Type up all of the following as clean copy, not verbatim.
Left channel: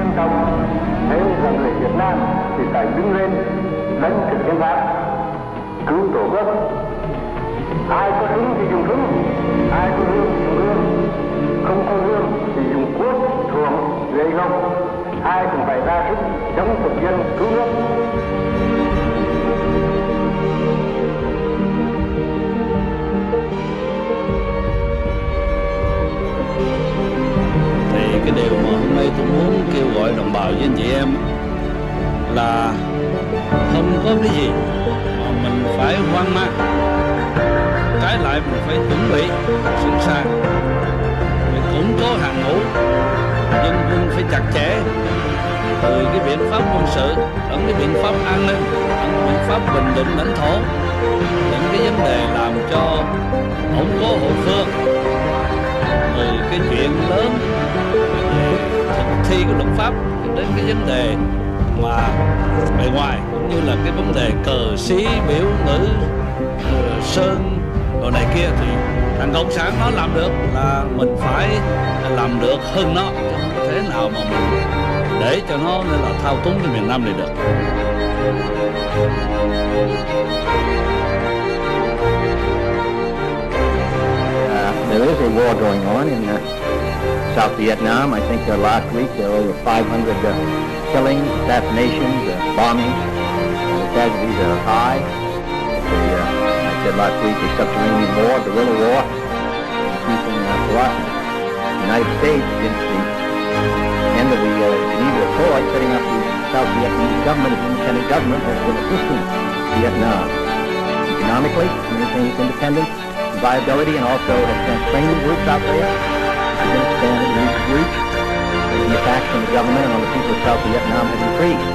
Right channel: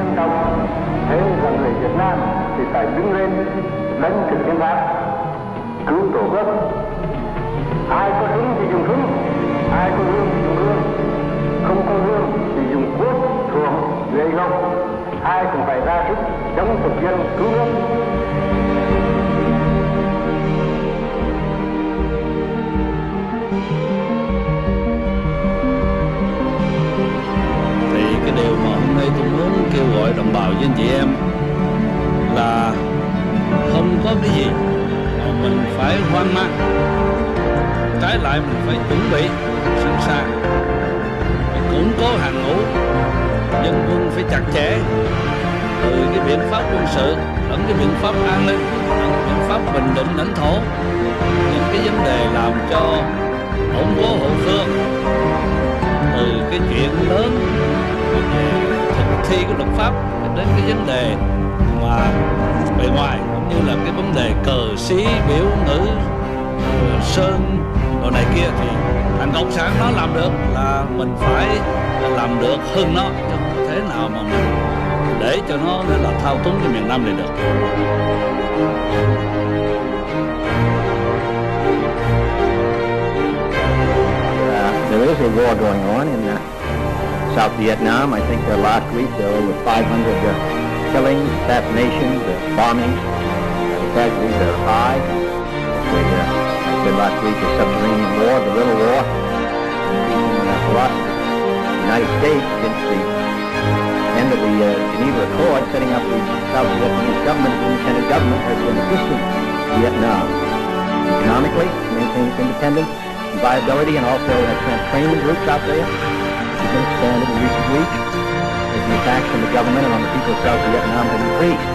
trân trọng, thế là người Việt Nam thì phải đứng lên đánh thực hiện pháp, cứu tổ quốc. Ai có súng thì dùng súng, ai có gươm thì dùng gươm, không có gươm thì dùng cuốc, thuồng, gậy gộc. Ai cũng phải ra sức chống thực dân cứu nước. Thì cái điều mà hôm nay tôi muốn kêu gọi đồng bào với anh chị em là không có cái gì mà mình phải hoang mang. Trái lại mình phải chuẩn bị sẵn sàng, phải củng cố hàng ngũ, dân quân phải chặt chẽ, từ cái biện pháp quân sự lẫn cái biện pháp an ninh, lẫn cái biện pháp bình định lãnh thổ, những cái vấn đề làm cho ổn cố hậu phương, từ cái chuyện lớn về thực thi cái luật pháp đến cái vấn đề mà bề ngoài, cũng như là cái vấn đề cờ xí biểu ngữ sơn đồ này kia, thì thằng cộng sản nó làm được là mình phải làm được hơn nó, chứ không có thể nào mà mình để cho nó nên là thao túng cái miền Nam này được. There is a war going on in South Vietnam. I think last week there were over 500 killings, assassinations, bombings. The casualties are high. I said last week, a subterranean war, guerrilla war, increasing in ferocity. The United States, since the end of the Geneva Accord, setting up the South Vietnamese government as an independent government, has been assisting Vietnam economically to maintain its independence and viability, and also has sent training groups out there, which have been expanded in recent weeks as the attacks from the government and on the people of South Vietnam have increased.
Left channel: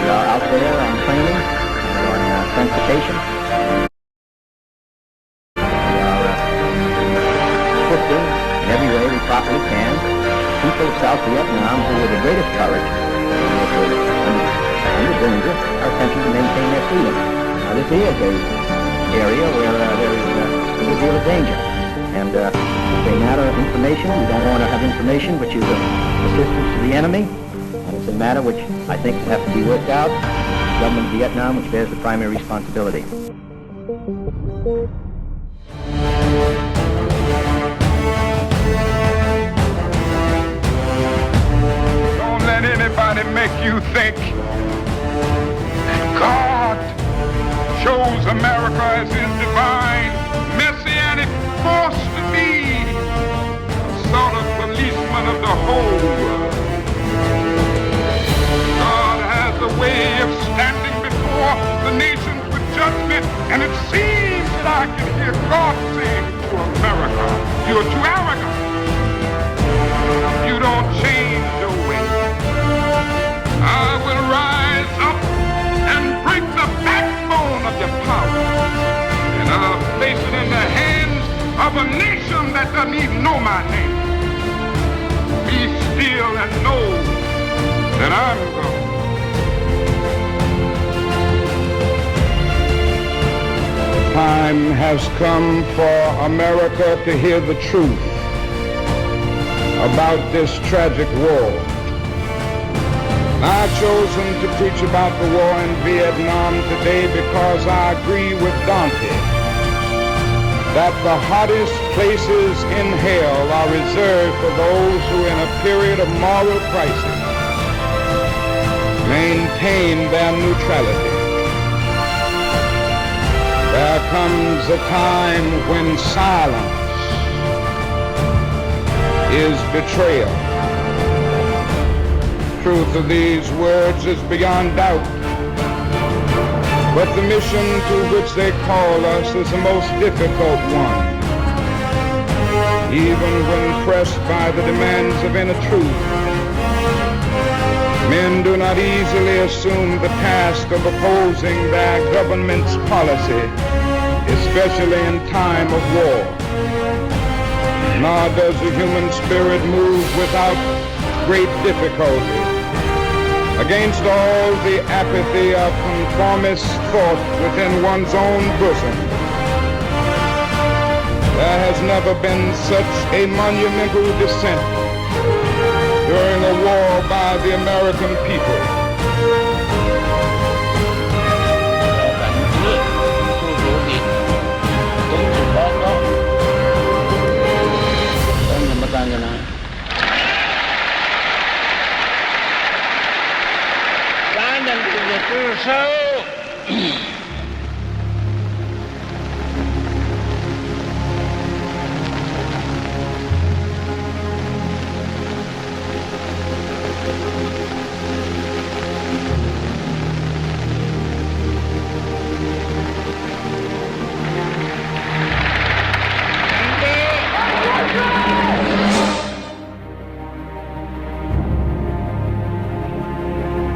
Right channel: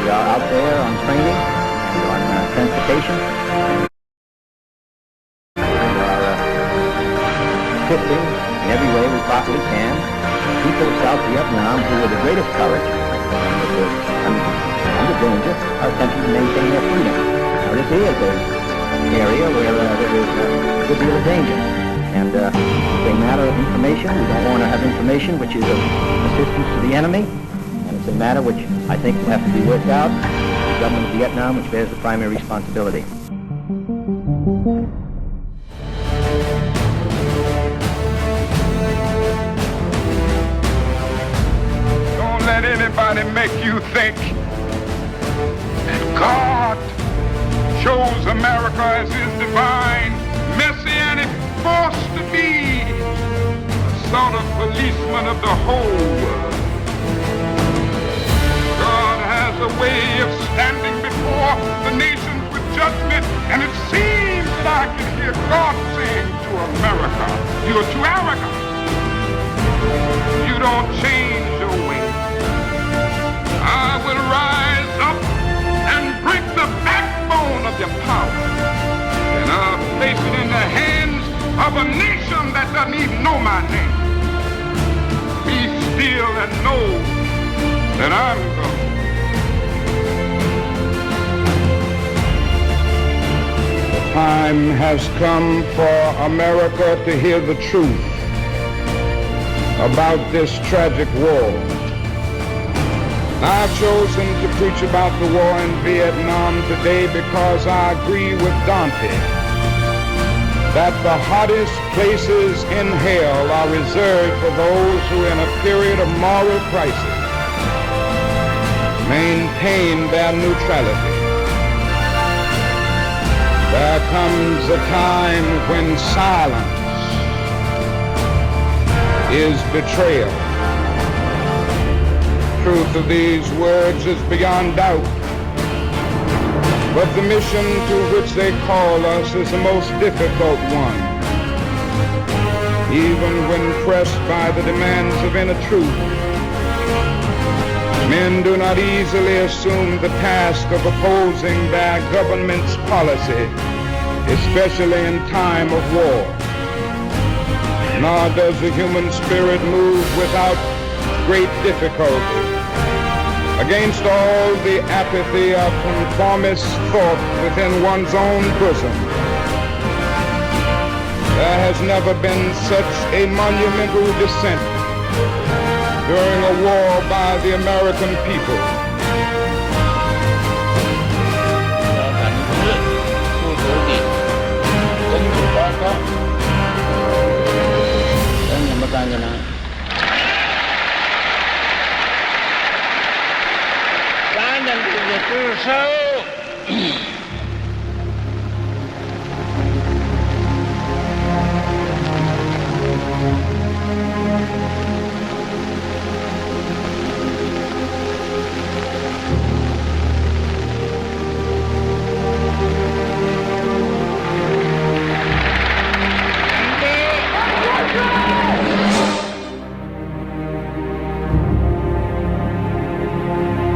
We are out there on training and on transportation, and we are assisting in every way we properly can the people of South Vietnam, who with the greatest courage and with under danger are attempting to maintain their freedom. Now this is a area where there is a good deal of danger, and it's a matter of information. We don't want to have information which is of assistance to the enemy, and it's a matter which I think will have to be worked out with the government of Vietnam, which bears the primary responsibility. Don't let anybody make you think that God chose America as his divine messianic force to be a sort of policeman of the whole world. God has a way of standing before the nations with judgment, and it seems that I can hear God saying to America, "You're too arrogant. You don't change your ways. I will rise up and break the backbone of your power, and I'll place it in the hands of a nation that doesn't even know my name. Be still and know that I'm God." The time has come for America to hear the truth about this tragic war. I've chosen to preach about the war in Vietnam today because I agree with Dante that the hottest places in hell are reserved for those who in a period of moral crisis maintain their neutrality. There comes a time when silence is betrayal. Truth of these words is beyond doubt, but the mission to which they call us is the most difficult one. Even when pressed by the demands of inner truth, men do not easily assume the task of opposing their government's policy, especially in time of war. Nor does the human spirit move without great difficulty against all the apathy of conformist thought within one's own bosom. There has never been such a monumental descent during a war by the American people.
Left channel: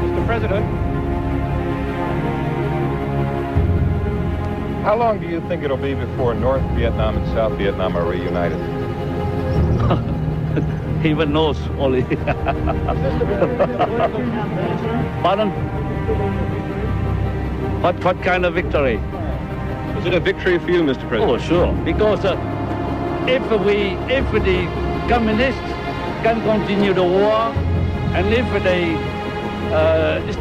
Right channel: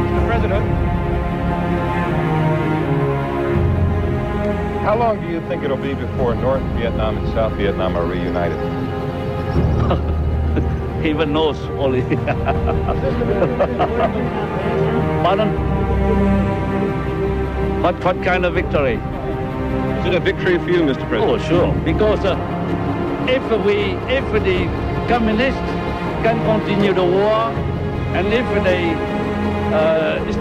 Mr. President, how long do you think it'll be before North Vietnam and South Vietnam are reunited? Heaven knows only. Pardon? What kind of victory? Is it a victory for you, Mr. President? Oh, sure. Because if the communists can continue the war, and if they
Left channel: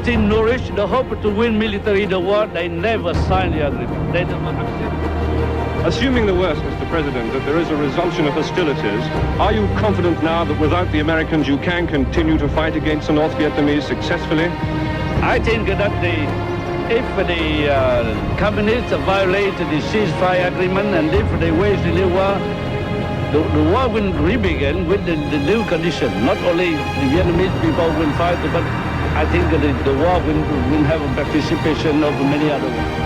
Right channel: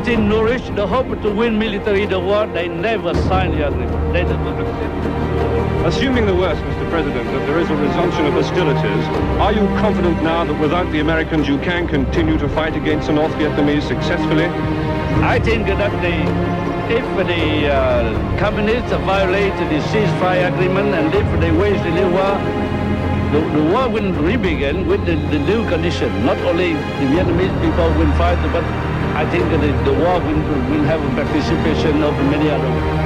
still nourish the hope to win military the war, they never sign the agreement. They don't accept. Assuming the worst, Mr. President, that there is a resumption of hostilities, are you confident now that without the Americans you can continue to fight against the North Vietnamese successfully? I think that if the communists violate the ceasefire agreement and if they wage the new war, the war will re-begin with the new condition. Not only the Vietnamese people will fight, but I think that the war will have a participation of many other ones.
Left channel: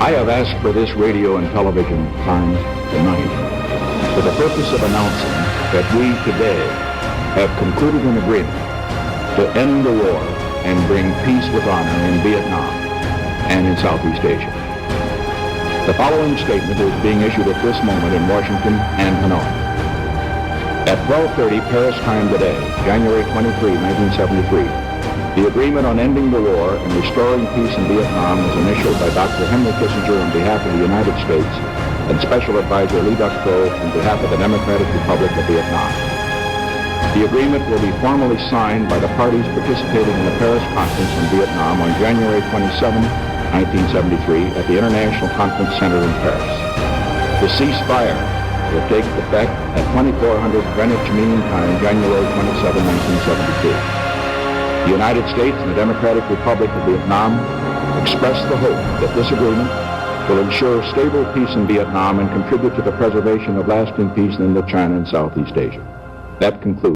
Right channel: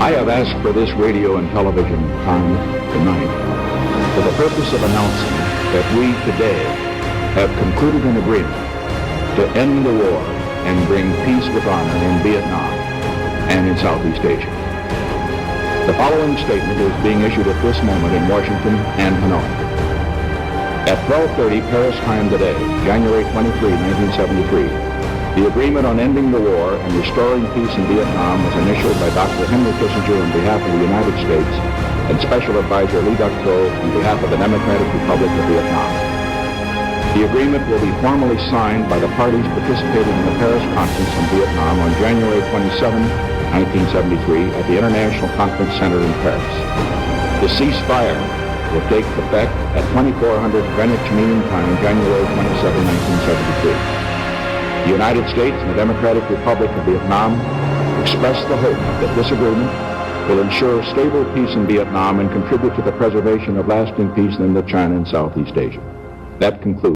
I have asked for this radio and television time tonight for the purpose of announcing that we today have concluded an agreement to end the war and bring peace with honor in Vietnam and in Southeast Asia. The following statement is being issued at this moment in Washington and Hanoi. At 12:30 Paris time today, January 23, 1973, the agreement on ending the war and restoring peace in Vietnam was initialed by Dr. Henry Kissinger on behalf of the United States and Special Advisor Le Duc Tho on behalf of the Democratic Republic of Vietnam. The agreement will be formally signed by the parties participating in the Paris Conference on Vietnam on January 27, 1973 at the International Conference Center in Paris. The ceasefire will take effect at 2400 Greenwich Mean Time, January 27, 1973. The United States and the Democratic Republic of Vietnam express the hope that this agreement will ensure stable peace in Vietnam and contribute to the preservation of lasting peace in Indochina and Southeast Asia. That concludes.